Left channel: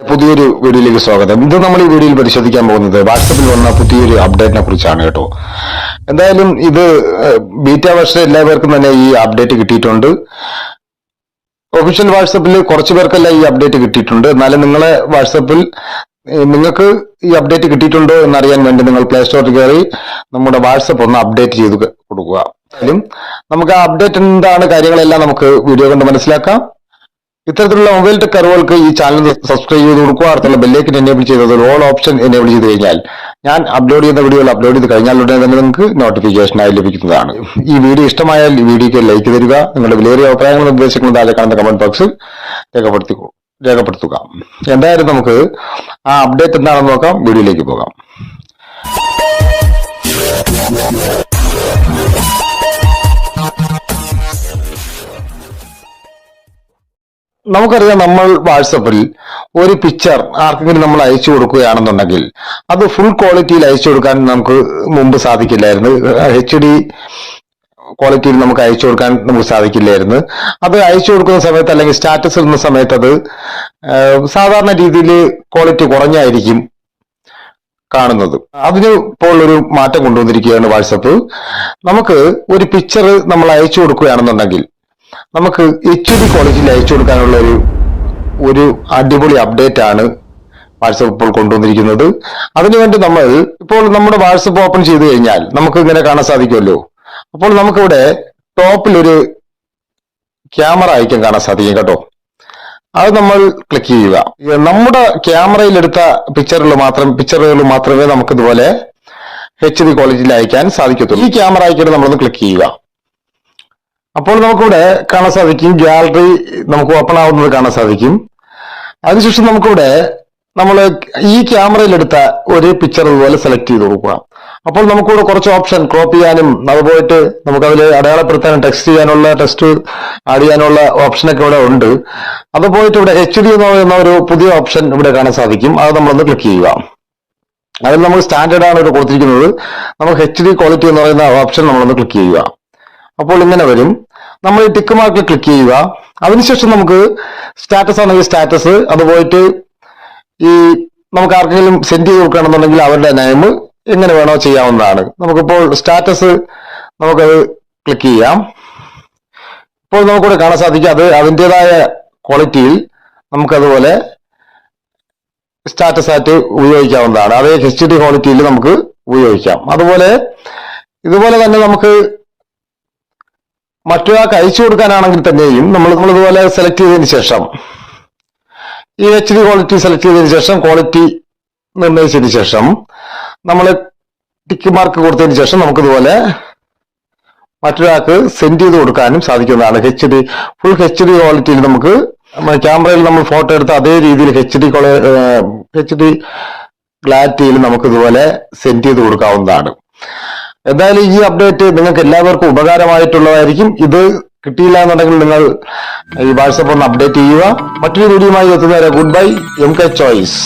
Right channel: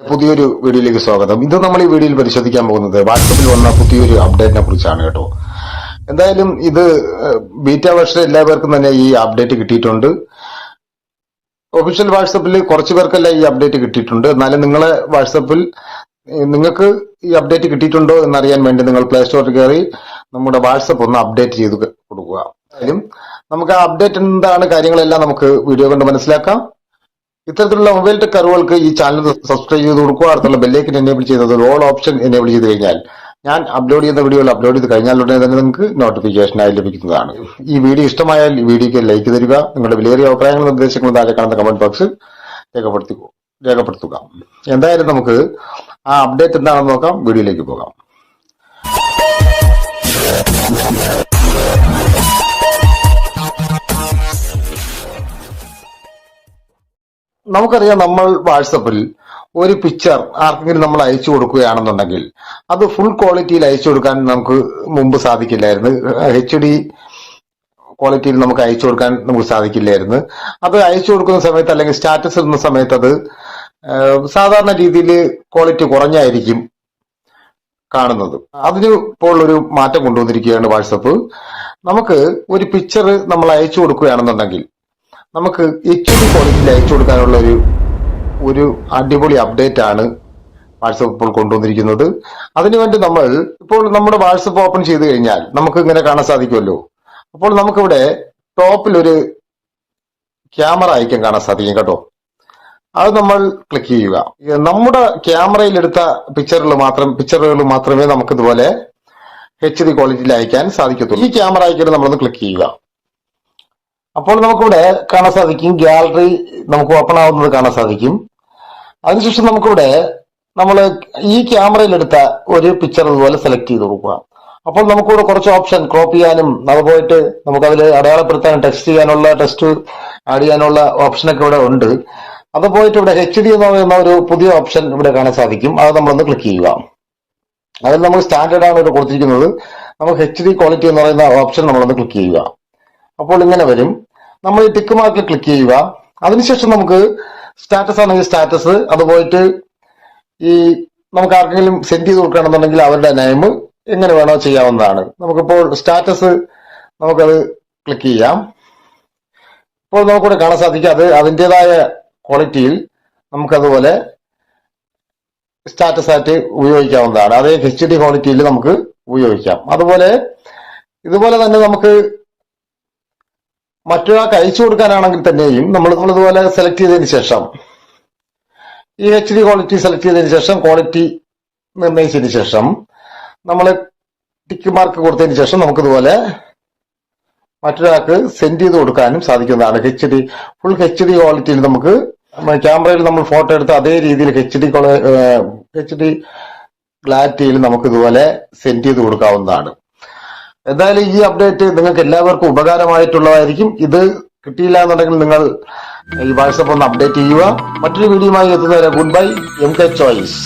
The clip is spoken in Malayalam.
പുതിയൊരു വീഡിയോയിലേക്ക് സ്വാഗതം. ഇത് നമ്മൾ ഈ വീഡിയോയിൽ പരിശോധിക്കാൻ പോകുന്നത് വാട്സപ്പിൽ വന്ന പുതിയൊരു അപ്ഡേറ്റിനെ കുറിച്ചാണ് കേട്ടോ. എന്തായാലും ഇത് ബീറ്റ വർഷം എല്ലാവർക്കും തന്നെ ഈ അപ്ഡേറ്റ് കിട്ടിയിട്ടുണ്ട്. ഒഫീഷ്യൽ വാട്സപ്പിൽ കുറച്ച് പേർക്കല്ല ഈ അപ്ഡേറ്റ് കിട്ടിയിട്ടുണ്ട്. എന്നാലും നിങ്ങളെ വാട്സപ്പിൽ നിങ്ങൾക്ക് ഈ അപ്ഡേറ്റ് കിട്ടിയിട്ടുണ്ടോ എന്നറിയാൻ വേണ്ടി നിങ്ങൾ പ്ലേ സ്റ്റോറിൽ കയറി നമ്മുടെ വാട്സപ്പ് ഒന്ന് അപ്ഡേറ്റ് ചെയ്ത് കൊടുക്കുക. എന്തായാലും നമുക്ക് ആ അപ്ഡേറ്റ് എന്താണ് കാര്യങ്ങളെല്ലാം നമുക്ക് വീഡിയോ കൊണ്ട് മനസ്സിലാക്കാം. ഇത്തരത്തിലുള്ള മൊബൈൽ ടെക് അറിവുകൾക്ക് ഈ ചാനൽ സബ്സ്ക്രൈബ് ചെയ്ത് കൊടുക്കുക. അടുത്തുള്ള ബെല്ലേക്ക് എനേബിൾ ചെയ്തത് ഓൾ ഓപ്ഷൻ എനേബിൾ ചെയ്ത് കഴിഞ്ഞാൽ ഞാൻ അപ്ലോഡ് ചെയ്യുന്ന വീഡിയോകൾ അപ്ലോഡ് ചെയ്ത് കഴിഞ്ഞാൽ ഉടനെ തന്നെ നിങ്ങൾക്ക് നോട്ടിഫിക്കേഷനായി ലഭിക്കുന്നതാണ്. ഈ വീഡിയോ ഇഷ്ടമായാൽ ഈ വീഡിയോക്ക് ലൈക്ക് തരിക. നിങ്ങളുടെ വിലയേറിയ അഭിപ്രായങ്ങളും നിർദ്ദേശങ്ങളും താഴെ കാണുന്ന കമന്റ് ബോക്സിൽ രേഖപ്പെടുത്തി രേഖപ്പെടുത്തുക. എന്തായാലും നമുക്ക് ആ അപ്ഡേറ്റ് എന്താണെന്ന് നോക്കാം. വീഡിയോയിലേക്ക് പോകാം. നമുക്കറിയാം നമ്മൾ വാട്സപ്പിൽ ഒരു പിക്ചർ ആർക്കെങ്കിലും നമ്മൾ അയച്ചു കൊടുക്കുകയാണെന്നുണ്ടെങ്കിൽ അത് ഫുൾ ക്വാളിറ്റിയിൽ അയച്ചു കൊടുക്കാൻ നമുക്ക് മുമ്പ് സാധിക്കില്ലായിരുന്നു. എച്ച് ഡി ക്വാളിറ്റിയിൽ നമുക്ക് അയച്ചു കൊടുക്കാൻ നമുക്ക് സാധിക്കില്ലായിരുന്നു. അത് അയച്ചു കൊടുക്കുന്ന സമയത്ത് അല്ലെങ്കിൽ സ്റ്റാറ്റസ് ഇടുന്ന സമയത്ത് അത് സാധാരണ രീതിയിൽ ക്വാളിറ്റി കുറഞ്ഞായിരിക്കും കാണുന്നത്. അതിന് ഇപ്പോൾ ഒരു മാറ്റം കൊണ്ടുവന്നിരിക്കുകയാണ് വാട്സപ്പ്. നമുക്ക് ഒരു പിക്ചർ നമ്മൾ അയച്ചു കൊടുക്കുകയാണെന്നുണ്ടെങ്കിൽ നമുക്ക് എച്ച് ഡി കോളേജിൽ അയച്ചു കൊടുക്കാനുള്ള ഒരു ഒരു അടിപൊളി അപ്ഡേറ്റ് ആണ് വാട്സപ്പ് ഇപ്പോൾ കൊണ്ടുവന്നിരിക്കുന്നത്. അതിനുവേണ്ടി നമ്മൾ ഇപ്പോൾ നമ്മുടെ വാട്സപ്പ് ഓപ്പൺ ചെയ്ത് കഴിഞ്ഞാൽ നമുക്ക് ഇങ്ങനെ കാണാൻ സാധിക്കുമല്ലോ. അപ്പോൾ നമുക്കിവിടെ ടോപ്പിൽ ഒരു ക്യാമറ ഐക്കൺ കാണാൻ സാധിക്കും കേട്ടോ. അത് നമ്മൾ ക്ലിക്ക് ചെയ്യുക. നമ്മുടെ ക്യാമറയിൽ എടുത്ത പിക്ചറിൽ മാത്രം പിക്ചറുകൾ മാത്രമേ നമുക്ക് ഇതുപോലെ എച്ച് ഡി ക്വാളിറ്റിയിൽ അയക്കാൻ സാധിക്കത്തുള്ളൂ. ഈ ക്യാമറ ഐക്കൺ നമ്മളൊന്ന് ക്ലിക്ക് ചെയ്യുക. അപ്പോൾ നമുക്കിവിടെ കാണാൻ സാധിക്കും. ഗാലറി നമുക്ക് ഓപ്പൺ ആവുന്നത് കാണാൻ സാധിക്കും. അതിനുശേഷം നമുക്കിവിടെ നമ്മൾ ഈ ക്യാമറയിൽ എടുത്ത ഒരു പിക്ചർ ഇതുപോലെ സെലക്ട് ചെയ്ത് കൊടുക്കുക അപ്പോൾ നമുക്കിവിടെ കുറച്ച് ഓപ്ഷൻ ക്രോപ്പ് ചെയ്യാനും അത് പോയിട്ട് നമുക്ക് അതിൽ അടയാളപ്പെടുത്താനും ടെക്സ്റ്റ് ചെയ്യാനുള്ള ടെക്സ്റ്റ് ആഡ് ചെയ്യാനുള്ള ഓപ്ഷനൊക്കെ ഇവിടെ ഉണ്ട്. അത് പോയിട്ട് ഇവിടെ എച്ച് ഡി എന്ന് പറയുന്ന ഒരു പുതിയ ഓപ്ഷൻ ഇവിടെ കാണാൻ സാധിക്കും. അത് നമ്മളൊന്ന് ക്ലിക്ക് ചെയ്യുക. അതിൽ നമ്മൾ സ്റ്റാൻഡേർഡ് ആണ് ഇവിടെ കൊടുത്തിരിക്കുന്നത്. നമുക്ക് എച്ച് ഡി ക്വാളിറ്റി എന്ന് പറയുന്ന ഓപ്ഷൻ നമ്മളൊന്ന് ക്ലിക്ക് ചെയ്യുക. അപ്പോൾ ഇങ്ങനെ വരും. നമ്മൾ ടിക്ക് മാർക്ക് ക്ലിക്ക് ചെയ്യുക. അതിനുശേഷം നമുക്ക് സ്റ്റാറ്റസ് ആണെങ്കിൽ സ്റ്റാറ്റസ് അത് പോയിട്ട് ഈ നമുക്ക് ആർക്കെങ്കിലും സെൻഡ് ചെയ്ത് കൊടുക്കുകയാണെന്നുണ്ടെങ്കിൽ അവരുടെ നെയിം എങ്ങനെ വേണോ ചെയ്യാവുന്നതാണ്. നമുക്കിപ്പോൾ സ്റ്റാറ്റസ് നമുക്കത് ക്ലിക്ക് ചെയ്യാം. ഇപ്പോൾ നമുക്കിവിടെ കാണാൻ സാധിക്കും അത് അതിന്റെതായ ക്വാളിറ്റിയിൽ നമുക്കതുപോലെ സ്റ്റാറ്റസ് ആയിട്ട് ഉപയോഗിക്കാവുന്നതാണ്. അതേ എച്ച് ഡി ക്വാളിറ്റിയിൽ നമുക്ക് ഉപയോഗിക്കാം. അതുപോലെ ഇതുപോലെ തന്നെ നമുക്ക് മറ്റൊരാൾക്ക് അയച്ചു കൊടുക്കാനാണെങ്കിൽ തന്നെയും നമ്മൾ നമ്മളിതുപോലെ സെലക്ട് ചെയ്തതിന് ശേഷം ഈ എച്ച് ഡി ക്വാളിറ്റി സെലക്ട് ചെയ്തതിന് ശേഷം ക്വാളിറ്റി നിർണയിച്ചതിന് ശേഷം നമ്മൾ ടിക്ക് മാർക്ക് കൊടുത്തതിന് ശേഷം നമുക്കിതുപോലെ മറ്റൊരാൾക്ക് സെൻഡ് ചെയ്ത് കൊടുക്കാനും സാധിക്കുന്നതാണ് H D full H D ക്വാളിറ്റിയിൽ നമുക്ക് ക്യാമറയിൽ നമ്മൾ ഫോട്ടോ എടുത്ത അതേ രീതിയിൽ എച്ച് ഡി എച്ച് ഡി ക്ലാരിറ്റിയിൽ നമുക്ക് ഇതുപോലെ സെൻഡ് ചെയ്ത് കൊടുക്കാവുന്നതാണ്. എന്തായാലും ഈ അപ്ഡേറ്റ് നിങ്ങൾക്ക് എല്ലാവർക്കും ഉപകാരമായിട്ടുള്ളതായിരിക്കും. ഇത് കിട്ടിയില്ല എന്നുണ്ടെങ്കിൽ നിങ്ങൾ ഈ വാട്സപ്പ് ഒന്ന് അപ്ഡേറ്റ് ചെയ്യുക. മറ്റൊരു വീഡിയോയുമായി എത്തുന്നവരെ goodbye M K choice